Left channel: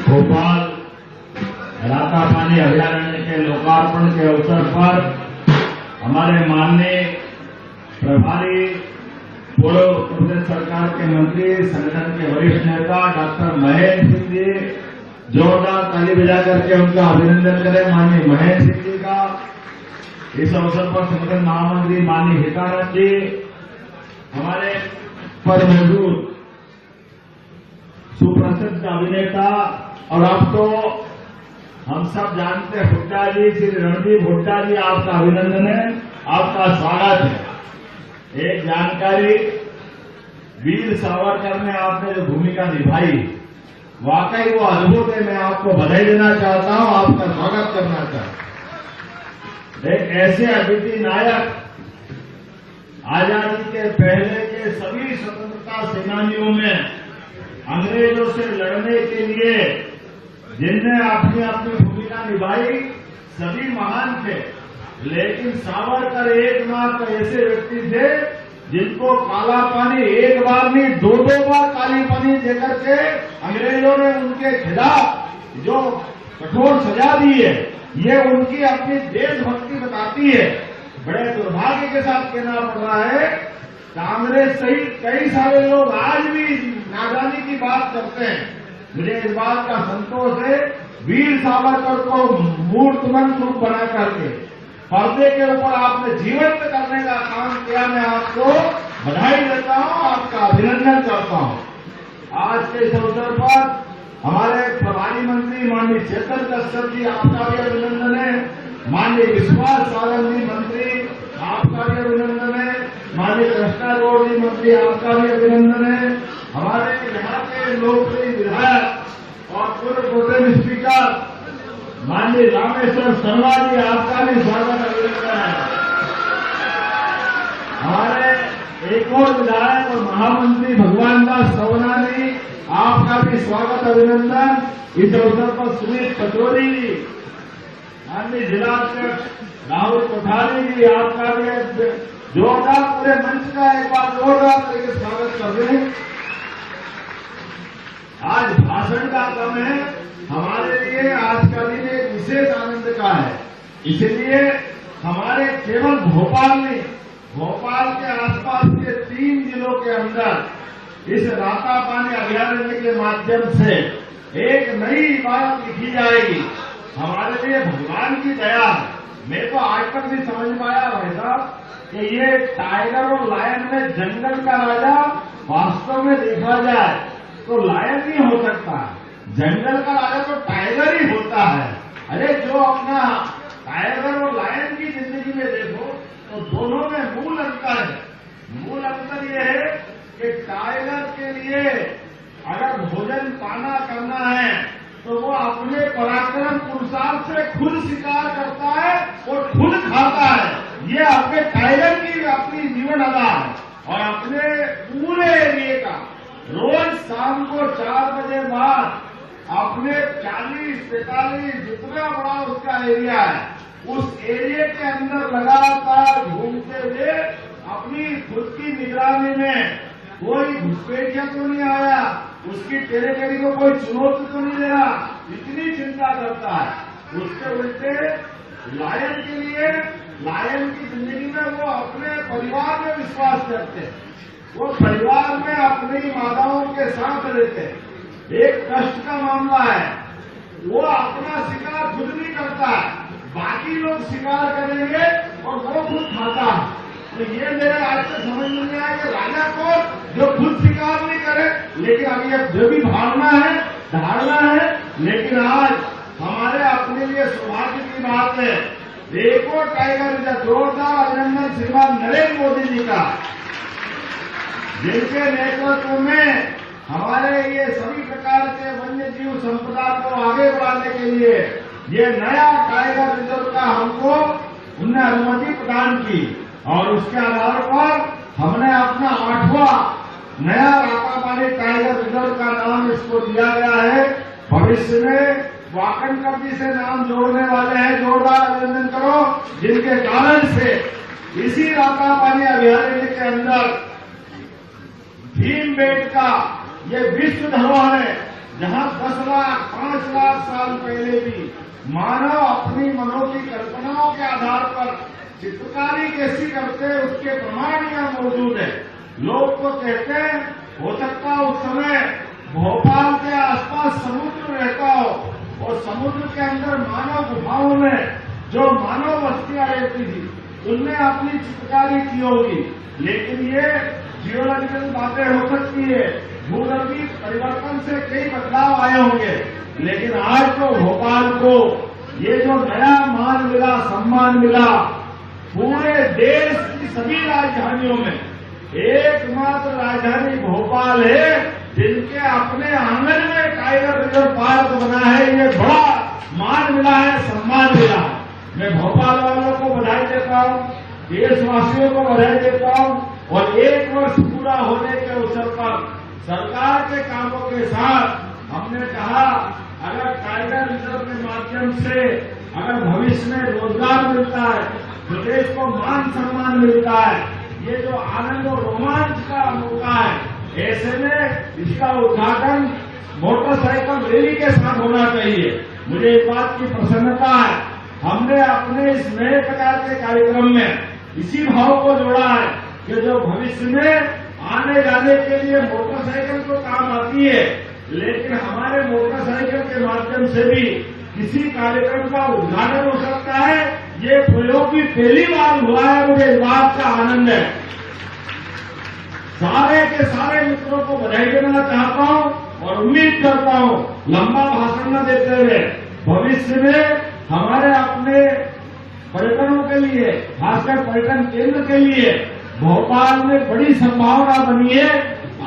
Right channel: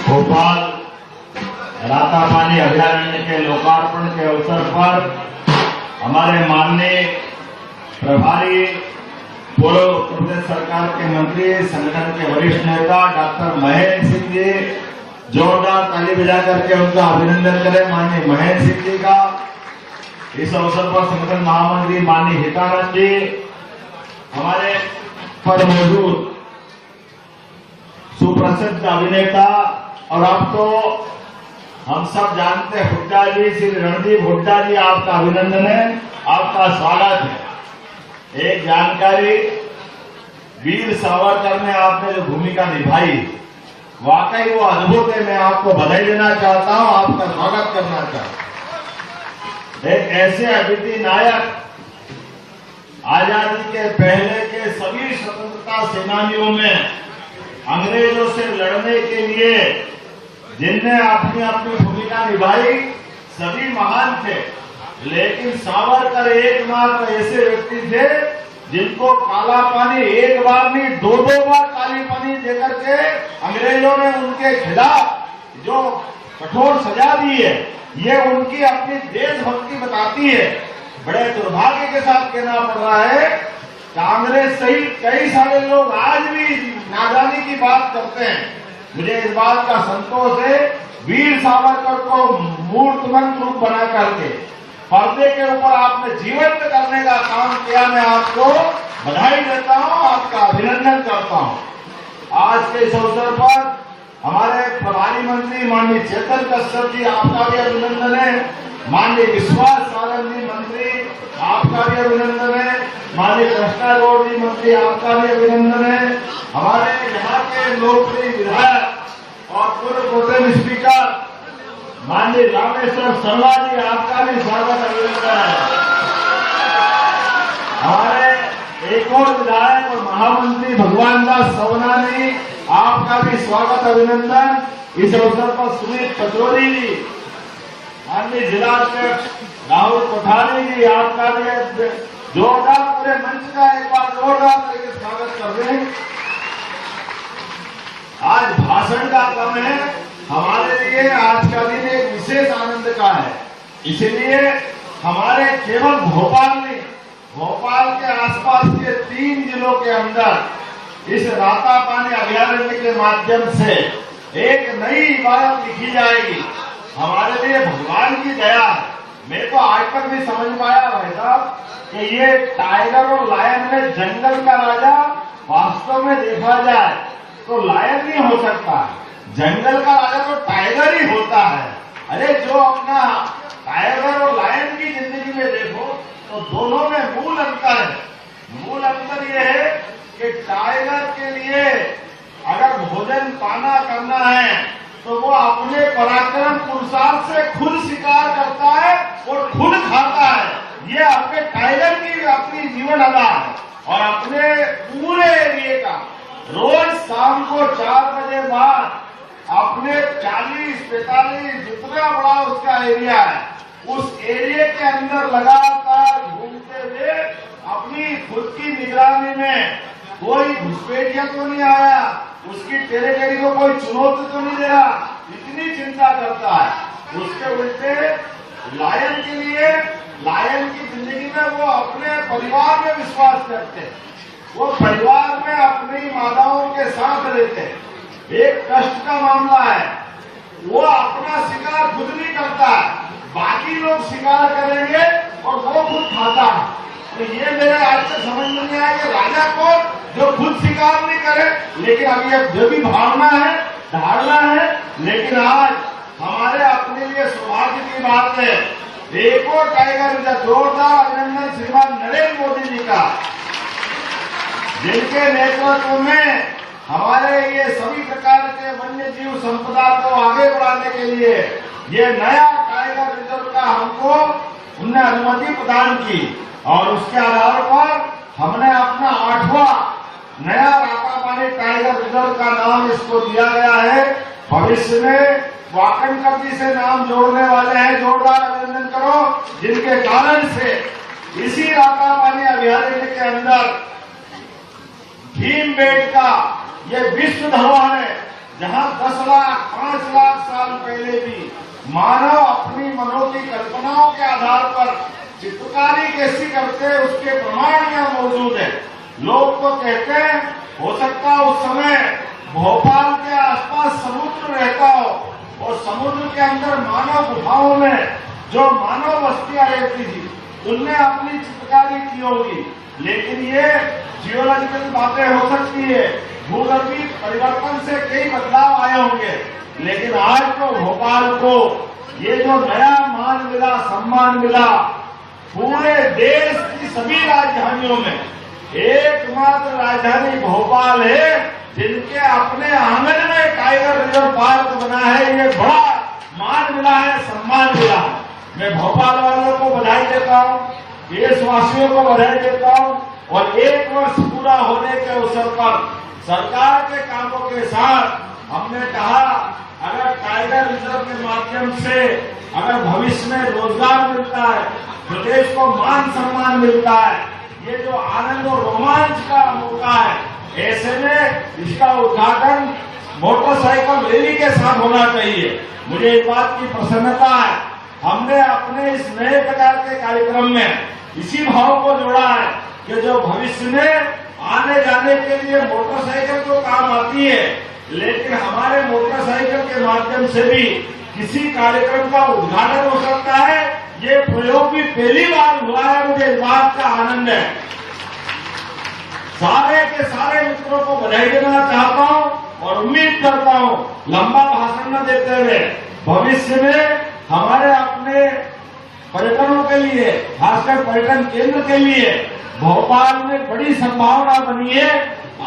भोपाल रातापानी अभयारण्य के लोकार्पण के अवसर पर हमारे माननीय प्रभारी पूर्व प्रदेश सरकार के मंत्री, संगठन के वरिष्ठ नेता डॉक्टर महेंद्र सिंह जी, जोरदार ताली बजा करके उनका अभिनंदन करें। माननीय महेंद्र सिंह जी का इस अवसर पर संगठन महामंत्री माननीय हितानंद जी, हमारे पर मौजूद सुप्रसिद्ध अभिनेता और अब तो हम सब जानते हैं हुड्डा जी, श्री रणदीप हुड्डा जी, आपका अभिनंदन है, आपका स्वागत है। एक जानकारी, वीर सावरकर में आपने जो भूमिका निभाई वाकई वो अद्भुत है। मैं आपको बधाई देना चाहता हूं, आपका स्वागत करना चाहता हूं। एक ऐसे अद्वितीय नायक, आजादी के पहले के सभी स्वतंत्रता सेनानियों में अंग्रेजों से लड़ने के लिए जिनने अपनी अपनी भूमिका निभाई, सभी महान थे, लेकिन सावरकर एकमात्र ऐसे व्यक्ति थे जिनको काला पानी एक बार नहीं दो बार काली पानी देकर के अंग्रेजों ने उनके खिलाफ जो कठोर सजा दी है, ये उनकी अपनी देशभक्ति बताती है। बड़े दुर्भाग्य के साथ कहना पड़ रहा है, कांग्रेस सहित कई सारे लोग आज भी नादानी की बात करते हैं। मुझे इस बात का संतोष है, वीर सावरकर को मूर्तिमंत रूप बना करके पर्दे के ऊपर आपने जीवंत करने का काम किया। मैं आपको बधाई देता हूं, आपका अभिनंदन करता हूं। आज के इस अवसर पर हमारे प्रभारी मंत्री माननीय चेतन कश्यप जी, आपका भी अभिनंदन है। माननीय विश्वास सागर जी मंत्री, आपका भी अभिनंदन है। माननीय कृष्णा गौड़ जी मंत्री, आपका भी अभिनंदन है। हमारे यहाँ के लोकप्रिय विधायक और पूर्व प्रोटेम स्पीकर माननीय रामेश्वर शर्मा जी, आपका भी स्वागत अभिनंदन है। हमारे एक और विधायक और महामंत्री भगवान दास सवनानी, आपका भी स्वागत अभिनंदन। इस अवसर पर सुनील पचौरी जी, माननीय जिलाध्यक्ष राहुल कोठारी जी, आपका भी जोरदार पूरे मंच का एक बार जोरदार करके स्वागत कर दें। आज भाषण का समय है, हमारे लिए आज का दिन एक विशेष आनंद का है। इसलिए हमारे केवल भोपाल में, भोपाल के आसपास के 3 जिलों के अंदर इस रातापानी अभयारण्य के माध्यम से एक नई इबारत लिखी जाएगी। हमारे लिए भगवान की दया है। मेरे को आजकल भी समझ में आया भाई साहब कि ये टाइगर और लायन में जंगल का राजा वास्तव में देखा जाए तो लायन नहीं हो सकता है, जंगल का राजा तो टाइगर ही होता है। अरे जो अपना टाइगर और लायन की जिंदगी में देखो तो दोनों में मूल अंतर है। मूल अंतर ये है कि टाइगर के लिए अगर भोजन पाना करना है तो वो अपने पराक्रम पुरुषार्थ से खुद शिकार करता है और खुद खाता है। ये अपने टाइगर की अपनी जीवन अदा है। और अपने पूरे एरिए का रोज शाम को 4 बजे बाद अपने 40-45 जितना बड़ा उसका एरिया है, उस एरिया के अंदर लगातार घूमते हुए अपनी खुद की निगरानी में कोई घुसपैठिया तो नहीं आया, उसकी टेरिटरी को कोई चुनौती तो नहीं दे रहा, इतनी चिंता करता है। उसके उल्टे लायन के लिए, लायन की जिंदगी में वो अपने परिवार में विश्वास करते हैं, वो परिवार में अपनी माताओं के साथ रहते हैं। एक कष्ट का मामला है, वो अपना शिकार खुद नहीं करता, बाकी लोग शिकार करेंगे और वो खुद खाता है। तो ये मेरे आज से समझ में नहीं आया कि राजा को जो खुद शिकार नहीं करे, लेकिन अभी अब जो भी भावना है, लेकिन आज हमारे अपने लिए सौभाग्य की बात है, एक और टाइगर का जोरदार अभिनंदन श्रीमान नरेंद्र मोदी जी का, जिनके नेतृत्व में हमारे ये सभी प्रकार के वन्य जीव संपदा को आगे बढ़ाने के लिए ये नया टाइगर रिजर्व का हमको उन्हें अनुमति प्रदान की और उसके आधार पर हमने अपना 8वां नया रातापानी टाइगर रिजर्व का नाम इसको दिया गया है। भविष्य में वाकई से नाम जोड़ने वाले हैं, जोरदार अभिनंदन करो, जिनके कारण से इसी रातापानी अभयारण्य के अंदर भीमबेटका ये विश्व धरोहर है, जहाँ 10 लाख 5 लाख साल पहले भी मानव अपनी मनों की कल्पनाओं के आधार पर चित्रकारी कैसी करते हैं उसके प्रमाण यहाँ मौजूद है। लोग तो कहते हैं हो सकता है उस समय भोपाल के आसपास समुद्र रहता हो और समुद्र के अंदर मानव गुफाओं में जो मानव बस्तियां रहती थी उनने अपनी चित्रकारी की होगी। लेकिन ये जियोलॉजिकल बातें हो सकती है, भूगर्भीय परिवर्तन से कई बदलाव आए होंगे। लेकिन आज तो भोपाल को ये जो नया मान मिला, सम्मान मिला, पूरे देश की सभी राजधानियों में एकमात्र राजधानी भोपाल है जिनके अपने आंगन में टाइगर रिजर्व पार्क बना है। ये बड़ा मान मिला है, सम्मान मिला है। मैं भोपाल वालों को बधाई देता हूँ, देशवासियों को बधाई देता हूँ और 1 वर्ष पूरा होने के अवसर पर सरकार के कामों के साथ हमने कहा अगर टाइगर रिजर्व के माध्यम से अगर भविष्य में रोजगार मिलता है, प्रदेश को मान सम्मान मिलता है, ये जो आनंद और रोमांच का मौका है, ऐसे में इसका उद्घाटन मोटरसाइकिल रैली के साथ होना चाहिए। मुझे इस बात की प्रसन्नता है, हमने अपने इस नए प्रकार के कार्यक्रम में इसी भाव को जोड़ा है कि जो भविष्य में आने जाने के लिए मोटरसाइकिल तो काम आती है, लेकिन हमारे मोटरसाइकिल के माध्यम से भी किसी कार्यक्रम का उद्घाटन हो सकता है। ये प्रयोग भी पहली बार हुआ है, मुझे इस बात का आनंद है। सारे के सारे मित्रों को बधाई देना चाहता हूं और उम्मीद करता हूं लंबा भाषण न देते हुए भविष्य में हमारे अपने पर्यटनों के लिए, खासकर पर्यटन केंद्र के लिए भोपाल में बड़ी संभावना बनी है।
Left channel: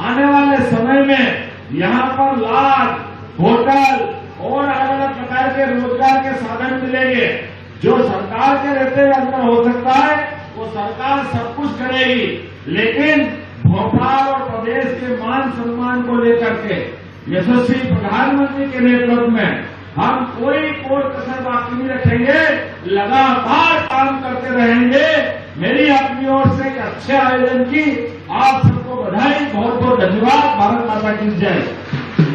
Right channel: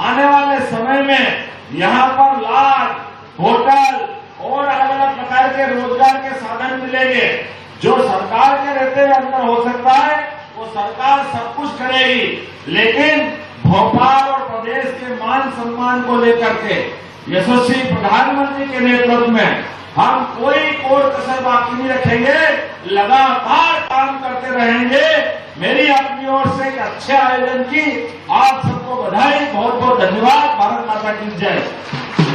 आने वाले समय में यहाँ पर लाख, होटल और अलग अलग प्रकार के रोजगार के साधन मिलेंगे। जो सरकार के रहते हुए अंदर हो सकता है वो सरकार सब कुछ करेगी, लेकिन भोपाल और प्रदेश के मान सम्मान को लेकर के यशस्वी प्रधानमंत्री के नेतृत्व में हम कोई कसर बाकी नहीं रखेंगे, लगातार काम करते रहेंगे। मेरी अपनी ओर से एक अच्छे आयोजन की आप सबको बधाई, बहुत बहुत धन्यवाद। भारत माता की जय।